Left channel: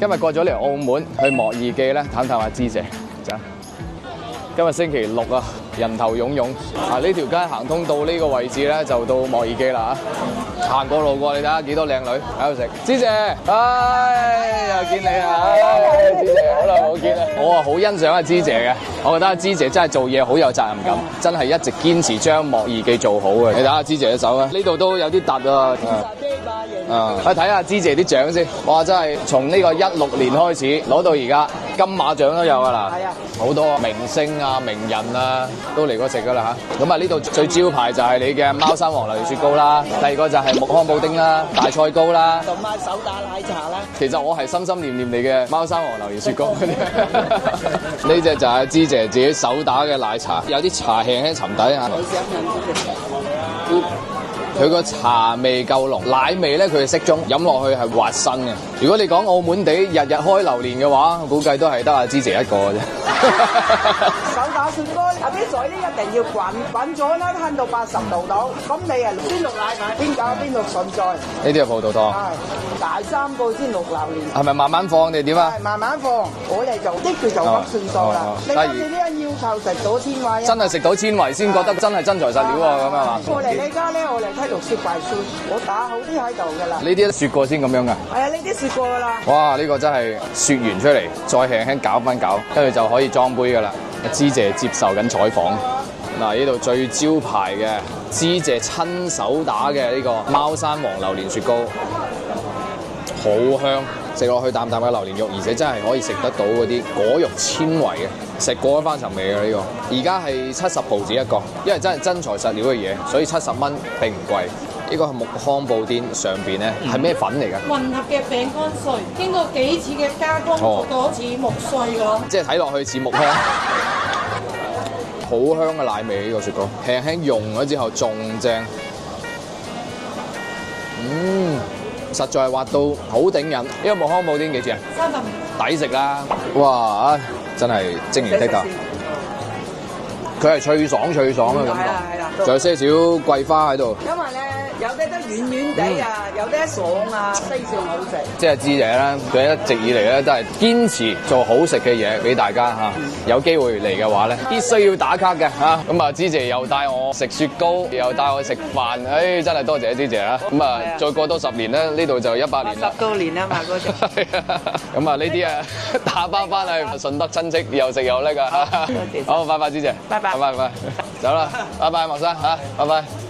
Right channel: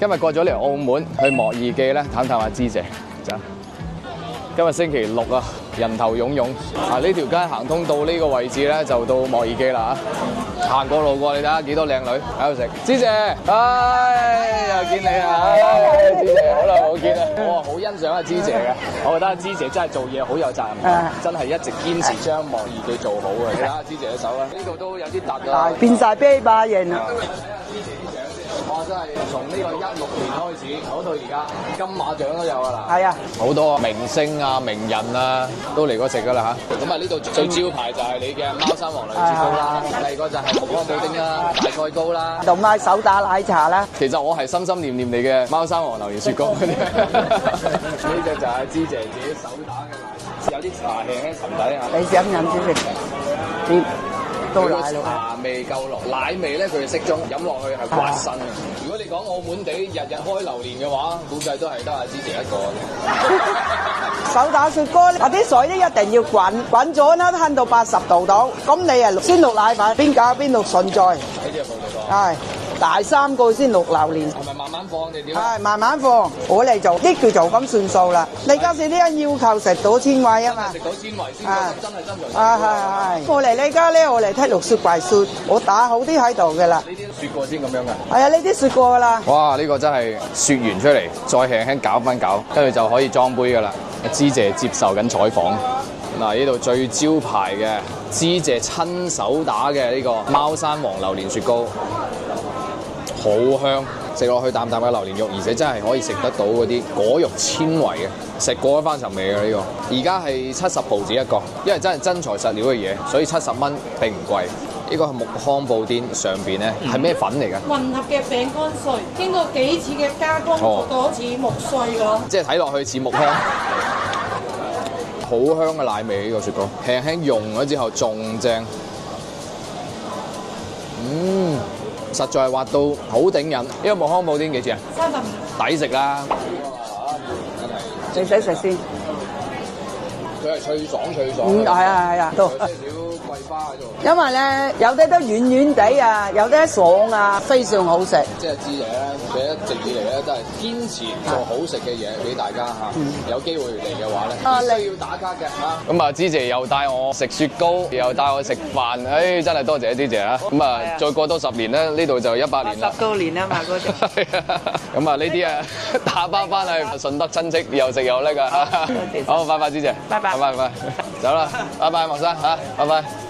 今日過咗嚟澳門去莫爾記咧，探下芝姐。走。今日星期六啊，人頭湧湧。啊，呢條街行通到呢個位置咧，就到莫爾記啦嚇。行過路過，你睇下幾多靚女喺度食。芝姐，又見你啊！芝姐，好耐冇見啦。我啊好欣賞阿芝姐嘅，我覺得阿芝姐真係做嘢好有責任感，真係一直堅持將莫爾記做好嘅。你睇下芝姐隻手啊，呢度都有啲突啊，變晒啤霸型。去睇下芝姐啲獎先。哇，真係從呢個16年開始攞到而家，金馬獎都有㗎啦。係啊，好多明星啊、名人啊都嚟過食㗎啦嚇。咁啊，呢度最招牌就係你嘅貓山王榴蓮雪糕啦，第二個就係木糠布丁啦、大菜糕啦，同埋手打奶茶啦。其實我係心心念念你嘅貓山王榴蓮雪糕嗰啲。呢隻就係芝姐自己手打嘅奶茶，有啲茶輕輕沉底啊。你想飲先？佢個茶味夠濃，奶味咧佢係適中，飲落去係滑身嘅。如果你講澳門地日日開榴蓮嘅話，估計都係得阿芝姐一個嘅啫。手打雪糕，嗰啲水咧一定要滾咗啦，攤到80度度。咁你啊先落奶粉，邊搞邊落順序。呢啲係葡萄糖。係大3個先落榴蓮。係咪慢慢放定點啊？係慢慢放，我嚟做，啲叫做咁算數啦。你今次呢間要求食到纖維啊？真係食到纖維先覺得真係真材實料啊咁啊！我嚟呢家咧，我嚟睇落雪櫃雪，我打好啲喺度嘅啦。呢啲都雪過先咁樣㗎。係啊，呢啲雪過㗎啦。哇！呢個真係雪完出嚟，再輕輕攪翻攪，跟住就可以裝杯㗎啦。芝姐接受緊採訪。嗱，呢度最招牌嘅芝姐親手打嘅呢個貓山王榴蓮雪糕，好香，食落去啖啖嘅榴蓮肉，而且真係可以食得到嗰啲果肉纖維嘅，食過一番尋味嘅呢個。而家係70毫子一個，因為真係真材實料嘅嘢，所以70蚊並唔貴。呢個係木糠布丁，上邊咧係咩粉嚟㗎？混合嘅餅乾碎，經過幾次嘅加工，做到似木碎㗎咯。即係睇落去似木糠，好香嘅奶味呢個雪糕，輕輕溶咗之後仲正。實在係滑到好頂癮。呢個木糠布丁幾錢啊？35。抵食啦！哇，真係精明的㗎。佢係脆爽嘅，係啊，仲有些少桂花喺度。因為咧有啲都軟軟地啊，有啲爽啊，非常好食。即係芝姐咧，佢一直以嚟咧都係堅持做好食嘅嘢俾大家嚇。有機會嚟嘅話咧，必須要打卡嘅嚇。咁啊，芝姐又帶我食雪糕，又帶我食飯，真係多謝芝姐啦。咁啊，再過多10年咧，呢度就100年啦。10多年啊嘛，嗰種。咁啊，呢啲啊打包翻去順德親戚又食又叻啊！好，拜拜，芝姐。拜拜。拜拜，走啦，拜拜，莫生嚇，拜拜。